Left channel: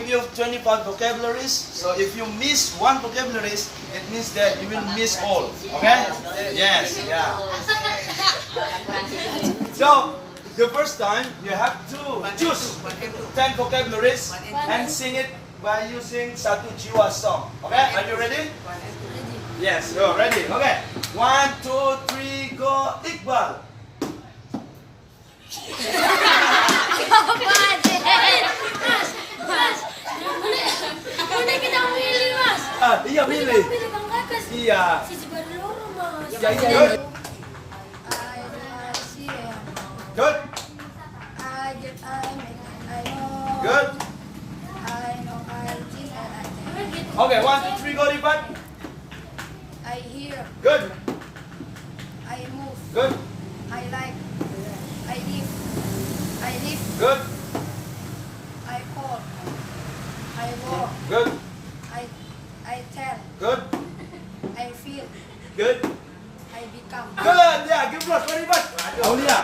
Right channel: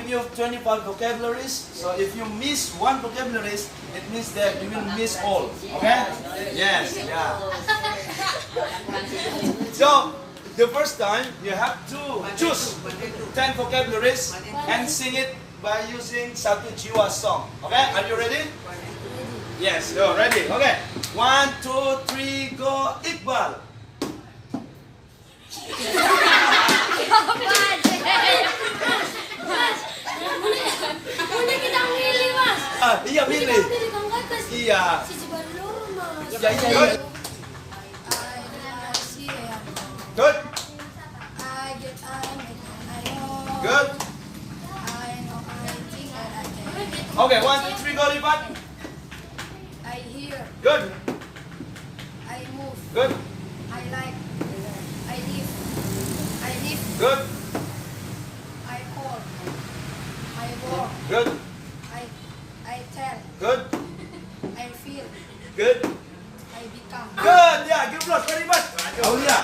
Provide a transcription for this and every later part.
give you 25 vocabularies. So if you miss one vocabularies, it means that you will miss all. Okay? Yes. Yeah. So the first time you have to choose 10 vocabularies and sing it by using Satu Jiwa Song. Okay? Are you ready? Yes, you're ready. Okay. 1, 2, 3, go. Iqbal. Boleh kita milih, Mas. Iya milih. Iya. Ya, iya. Good. Good. Good. Okay, 1, 2, 3, go, Rifat. I hear. Good. I move. Good. I like. I live. I live. Good. I call. I walk. Good. I tell. Good. I feel. Good. I become. Good. Yeah, give applause for Rifat. Aulia.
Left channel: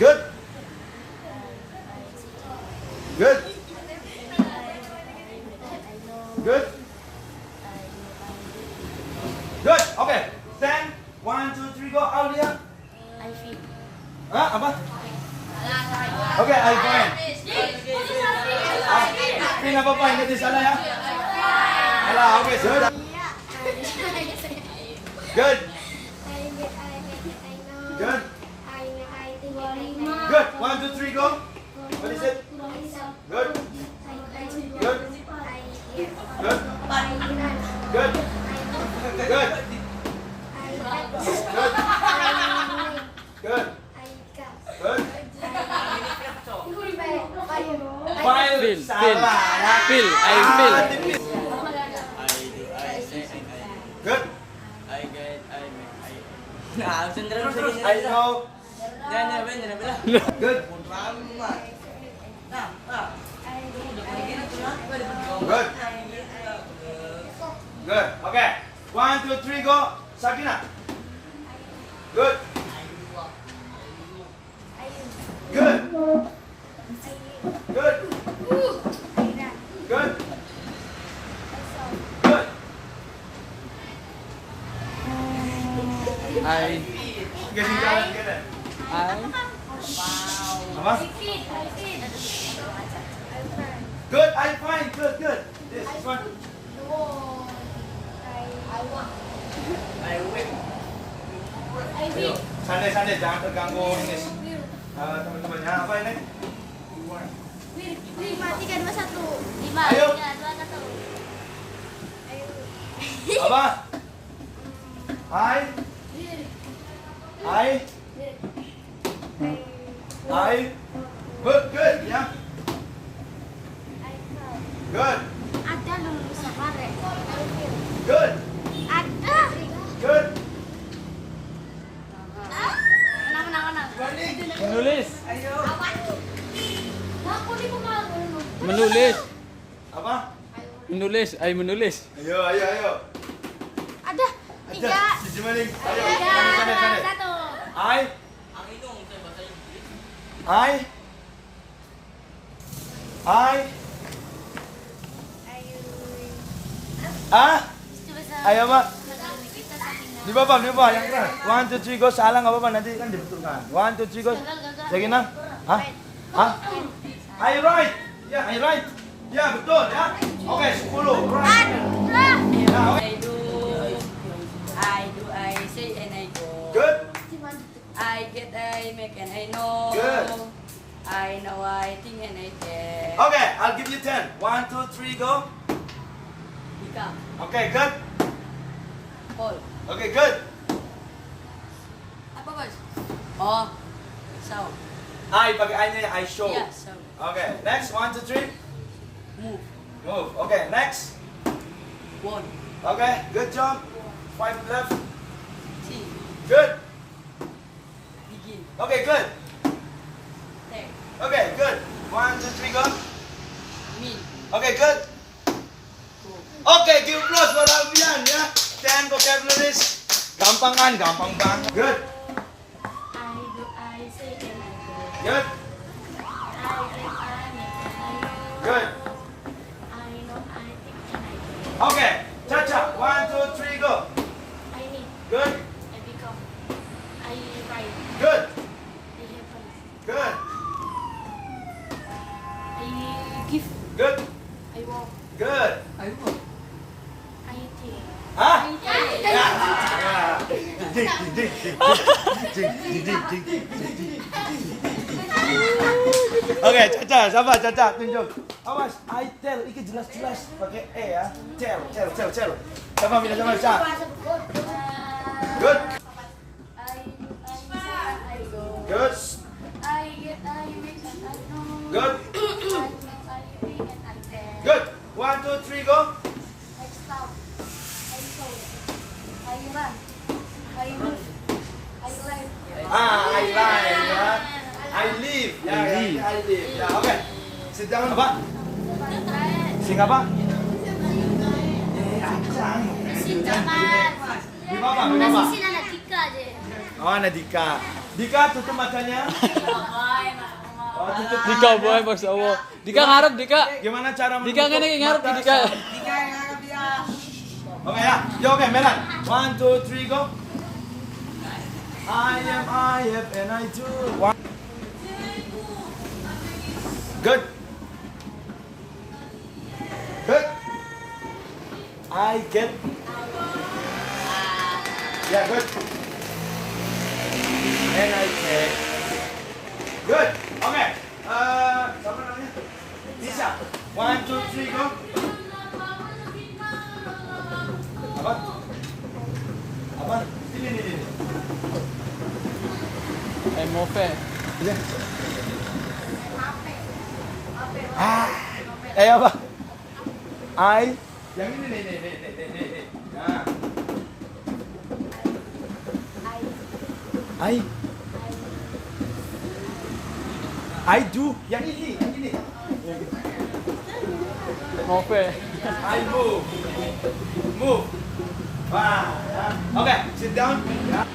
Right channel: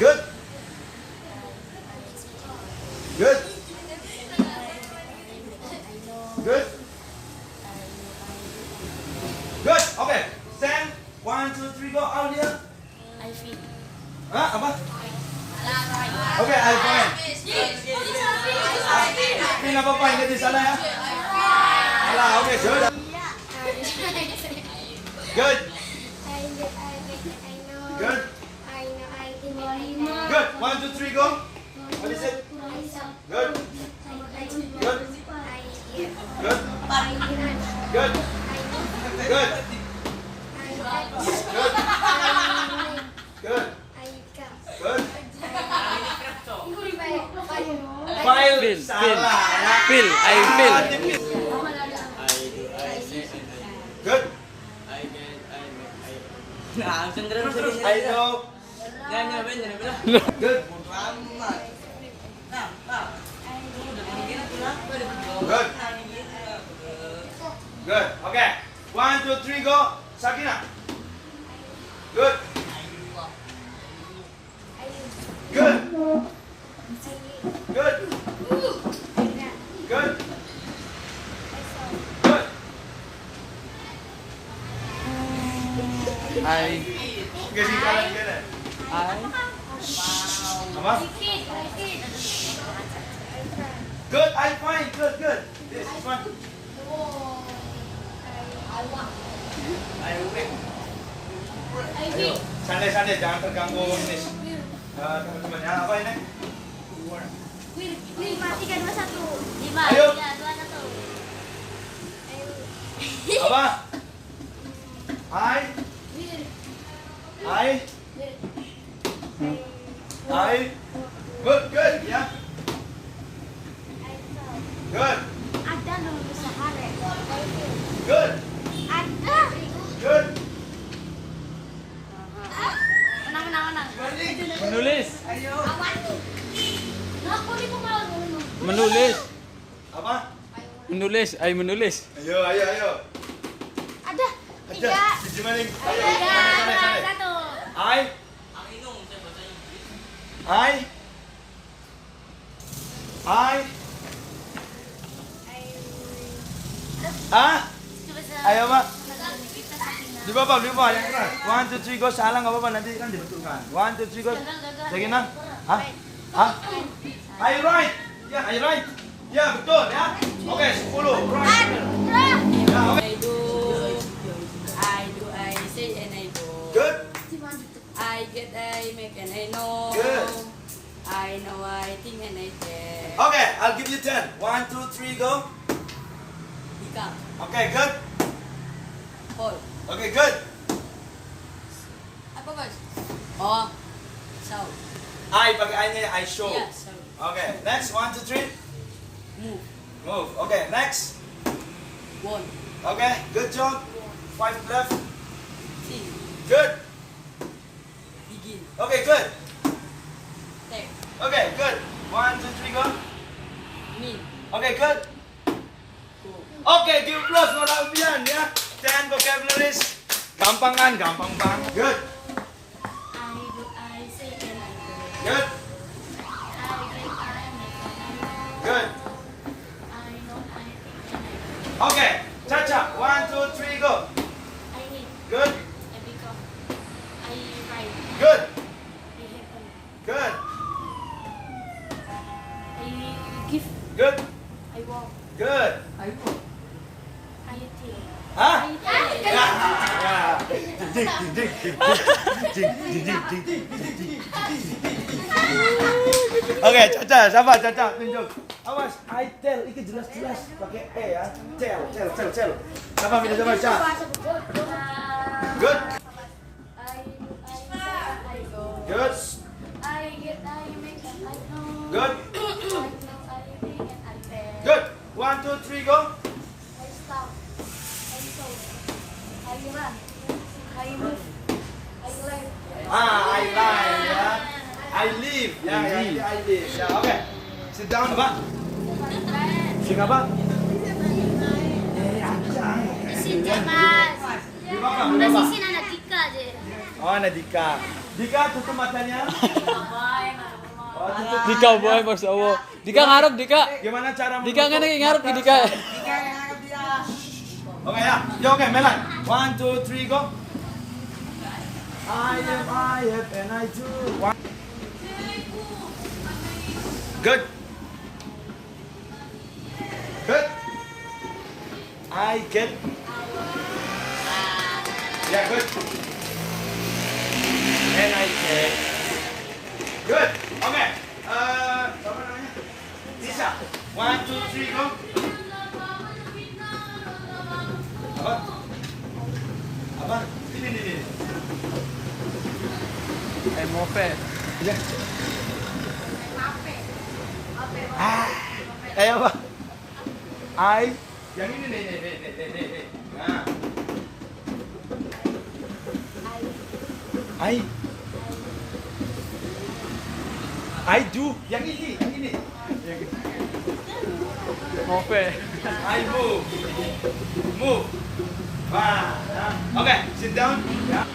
Good. Good. Good. Good. Okay. Stand. 1, 2, 3, go. Aulia. I feel. Hah? Apa? Okay, I fine. Ini nggak apa-apa, hindi salah ya. Salah, okay, sudah. Good. Good. Good. 1, 2, 3, go. What is it? Good. Good. Good. Good. Good. Good. Good. Good. Feel. Salah ya. Feel. I feel. Good. Nah, sendiri I know. Good. Good. Good. Okay. 1, 2, 3, go. Sakina. Good. Good. Good. Good. Good. I. Okay, di jalan gini. Apa? Good. I fine. Good. Good. This one. Ayo. Santai-santai, jangan terganggu ini. Teman-teman, ya, apa ini? 5, 3, 2, 1. 5, Ayo. 3, 2, 1. Apa? I. Good, good, ya. Good, Ada dulu sehari. good, Ada. good. Menang. Menulis. Awan. Aku ni kumagal mo. Menulis. Apa? Menulis. I menulis. Ayo. Ada. 3. Si Jumaling. Ayo, Ayo. santai. 1. Ayo, Mak. Di bawah yang keras. 1, 2, 3, go. Salah nggak apa-apa, nanti kan dibetulkan. 1, 2, 3, go. Lagi 6. Hah? I right. Ya, I right. Ya, betul ya. Oke, 10. Right. Ya, oke. I do, I say, and I go. Good. I get, I make, and I know. Good. I know, I think, and I care. Okay, I'll give you 10. 1, 2, 3, go. Ikaw, Okay, good. Paul. Okay, good. Apa, boss? Oh, so. I, pakai I-nya I show. Yeah, so. Okay, next. 1, 2, 3. Move. Move. Okay, next. One. Okay, good job. 5 left. Three. Good. Begin. Okay, good. Ten. Okay, good. 1, 2, 3, go. Me. Okay, good. Go. Okay, give applause for Alfian ya. 10 vocabularies. Gampang kan? Gampang banget. Good. I do, I say, and I go. Good. I drink, I make, give. Good. I walk. Good. I eat. Hah? I eat. Oke, Caca, sabar Caca, tunjuk. Awas, I tell, ini jelas-jelas pakai E ya. Tell. Sama minta sama Caca. Good. I go. Good. I get, I make, and I know. Good. I know, I bring, and I bear. Good. 1, 2, 3, go. I stop. I sow. I run. I move. I live. I lie ya. I live. Ya, I live. Ya, oke. Sit down, apa? Sing apa? Ancang. Di bawah, di bawah. Oh, ada Dika. Dika, tutup matanya. Oh, tutup. Dika boy, Mas Allah. Dika ngarep Dika. Gimana cara Dika ngene iki ngarep ki Dika. Oke ya. Yo, oke, Melan. 1, 2, 3, go. I am, and I do. One. Good. Good. I get. Yeah, good. And I get. Good. Okay. Siapa namanya? Nisa. 1, 2, 3, go. Apa? Apa? Ini. Mofe. Iya. Apa? Yang ini nih. Nah. I do. Yang ini. Mofe. I move. Wah. Okay, sit down. Yeah.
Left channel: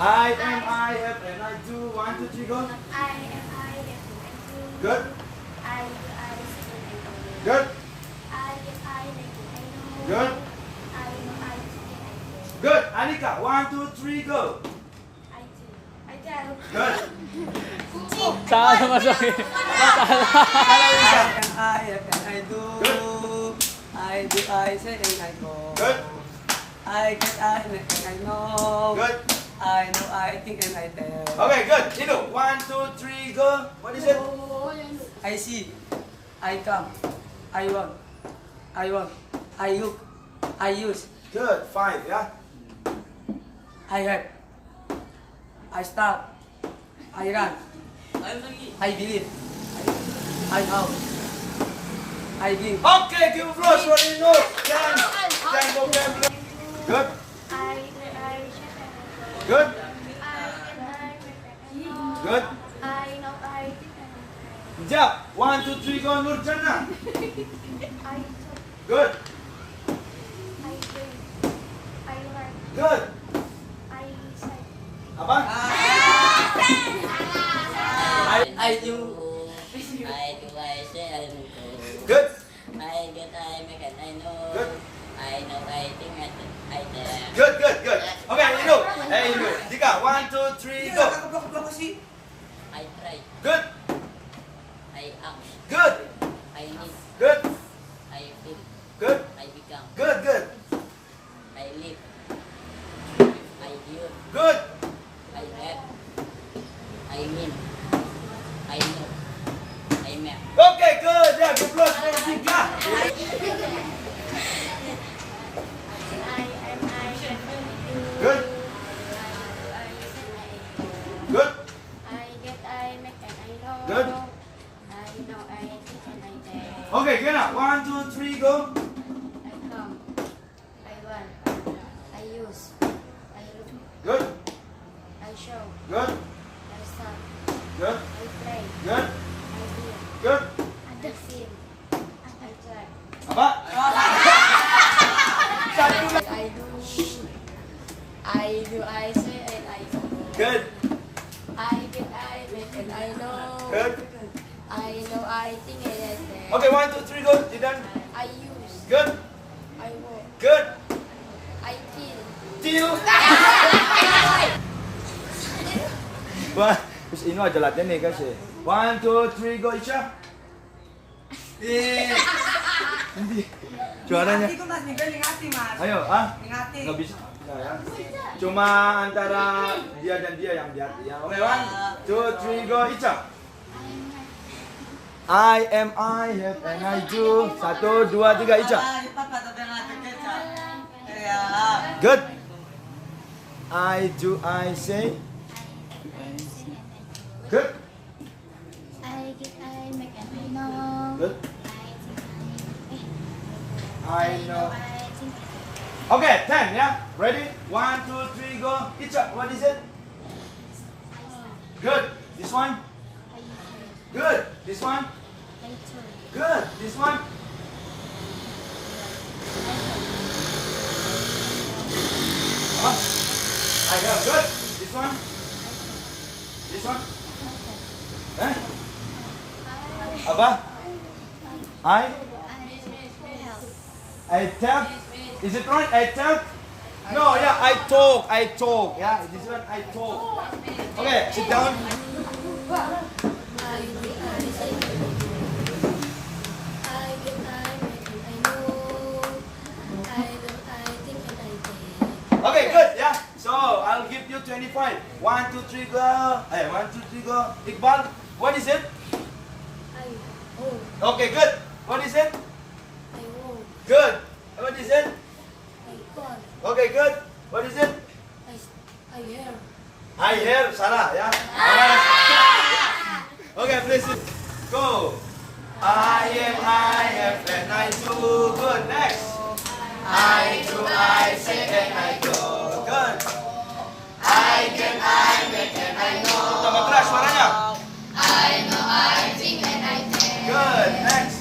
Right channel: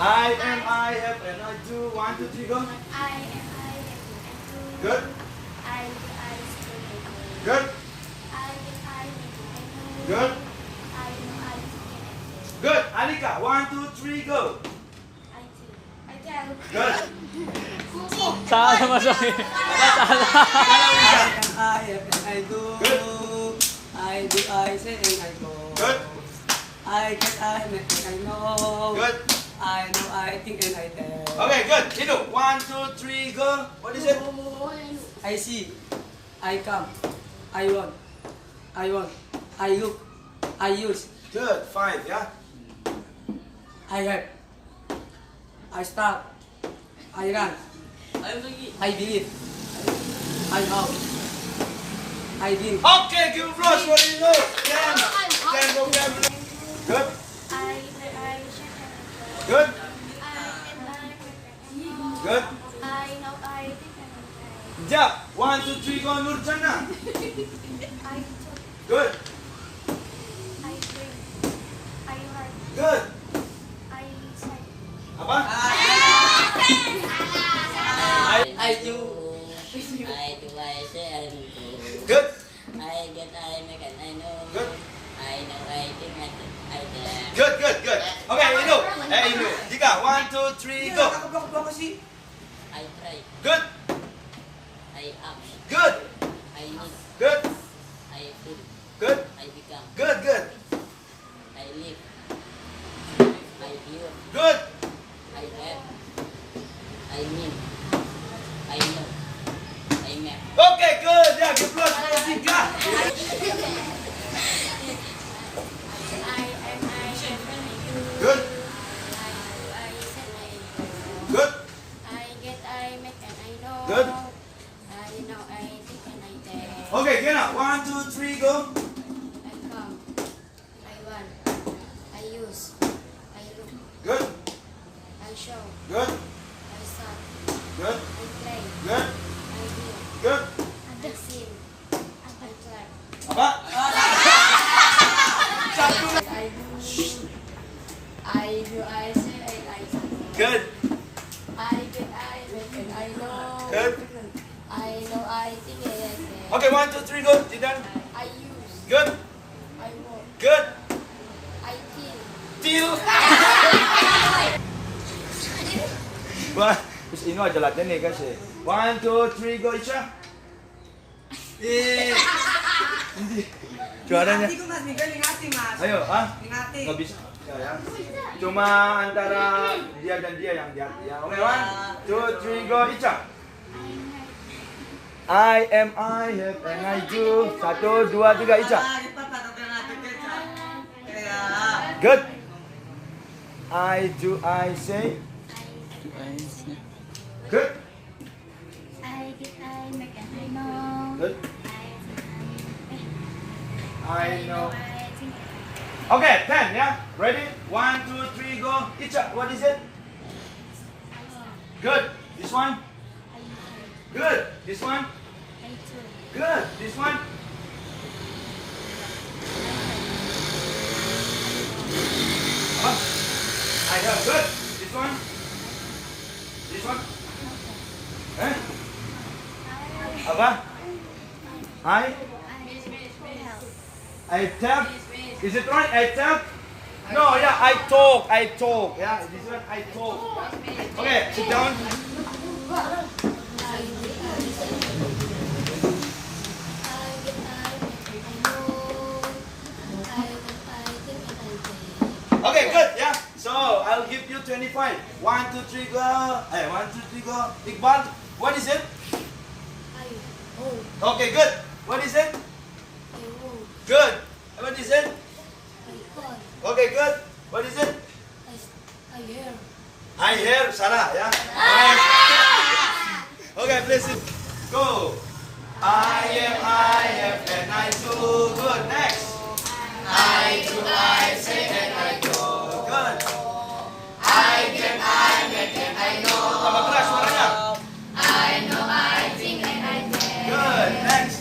I am, I have, and I do. 1, 2, 3, go. I am, I have, and I do. Good. I do, I still, I do. Good. I get, I make it, I know. Good. I know, I think, and I do. Good. Anika, 1, 2, 3, go. I do. I tell. Good. Salah masukin. Salah. I do. I do, I say, and I go. Good. I get, I make, and I know. Good. I know, I think, and I tell. Okay, good. Indo, 1, 2, 3, go. What is it? I see. I come. I want. I look. I use. Good. 5, yeah. I have. I start. I run. I believe. I hope. I think. Okay, give applause for Indo. 10 vocabulary. Good. I do, I shall, and I go. Good. I get, I make, and I know. Good. I know, I think, and I tell. Ja, 1, 2, 3, go. Nurjana. I talk, Good. I drink. I write. Good. I say. Apa? I do. I say, I do. Good. I get, I make, and I know. Good. I know, I think, I can. Good. Okay, Indo. Indo. Dika, 1, 2, 3, go. I try. Good. I act. Good. I need. Good. I feel. Good. I become. Good. I live. I hear. Good. I have. I win. I know. I make. Okay, good. Yeah, give applause for Dika. I am, I have, and I do. Good. I do, I say, I go. Good. I get, I make, and I know. Good. I know, I think, and I tell. Okay, Gena, 1, 2, 3, go. I come. I run. I use. I look. Good. I show. Good. I start. Good. I play. Good. I hear. Good. I sing. I try. Apa? I do, I say, and I go. Good. I get, I make, and I know. Good. I know, I think, and I tell. Okay, 1, 2, 3, go. You done? I use. Good. I walk. Good. I feel. Deal. Wah, terus ini aja latihan nih guys ya. 1, 2, 3, go Isha. Hindi. Suaranya. Ingati ko mas, Miguel, ingati mas. Ayo, ah? Ingati. Nggak bisa. Nggak ya. Cuma antara dia dan dia yang jatuh ya. Oke, 1, 2, 3, go. Ica. I am I have and I do. 1, 2, 3, Ica. Ah, lipat pa, tapi natin keca. Kaya. Good. I do, I say. Good. I get, I make, and I know. Good. I I know. I think. Okay, 10, yeah? Ready? 1, 2, 3, go. Icha, what is it? Good. This one? Good. This one? I told. Good. This one? Huh? I have. Good. This one? This one? Eh? Apa? I? I tap. Is it right? I tap. No, yeah, I talk. Yeah, this one I talk. Okay, sit down. Okay, good. Yeah. So I'll give you 25. 1, 2, 3, go. Hey, 1, 2, 3, go. Iqbal, what is it? Okay, good. What is it? Good. What is it? Okay, good. What is it? I hear. Salah, yeah. Okay, please go. I am, I have, and I do. Good. Next. I do, I say, and I do. Good. I can, I make, and I know. Tambah keras suaranya. I know, I think, and I can. Good. Next.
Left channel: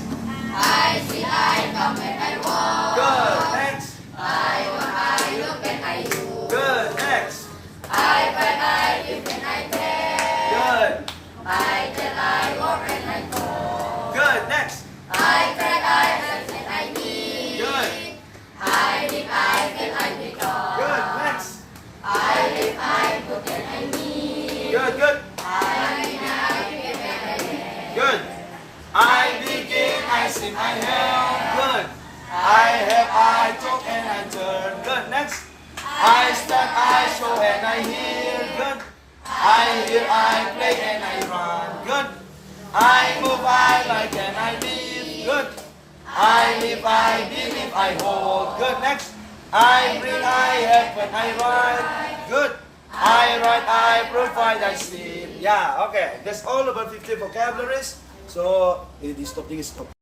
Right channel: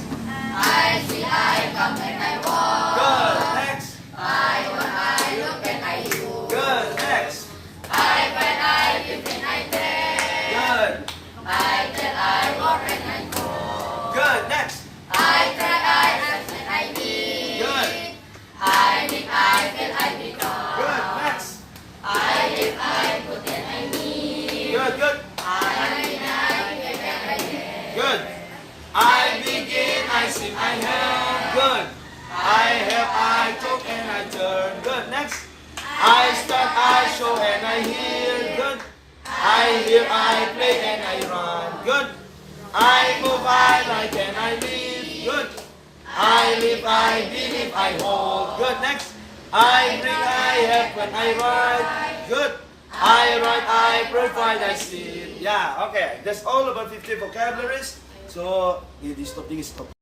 I see, I come, and I walk. Good. Next. I want, I look, and I do. Good. Next. I can, I give, and I take. Good. I tell, I walk, and I go. Good. Next. I cry, I sense, and I need. Good. I live, I feel, I become. Good. Next. I live, I put, and I need. Good. Good. Good. I begin, I sing, I have. Good. I have, I talk, and I turn. Good. Next. I stand, I show, and I hear. Good. I hear, I play, and I run. Good. I move, I like, and I live. Good. I live, I believe, I hold. Good. Next. I bring, I have, and I write. Good. I write, I provide, I sleep. Yeah, okay. That's all about 50 vocabularies. So, stop.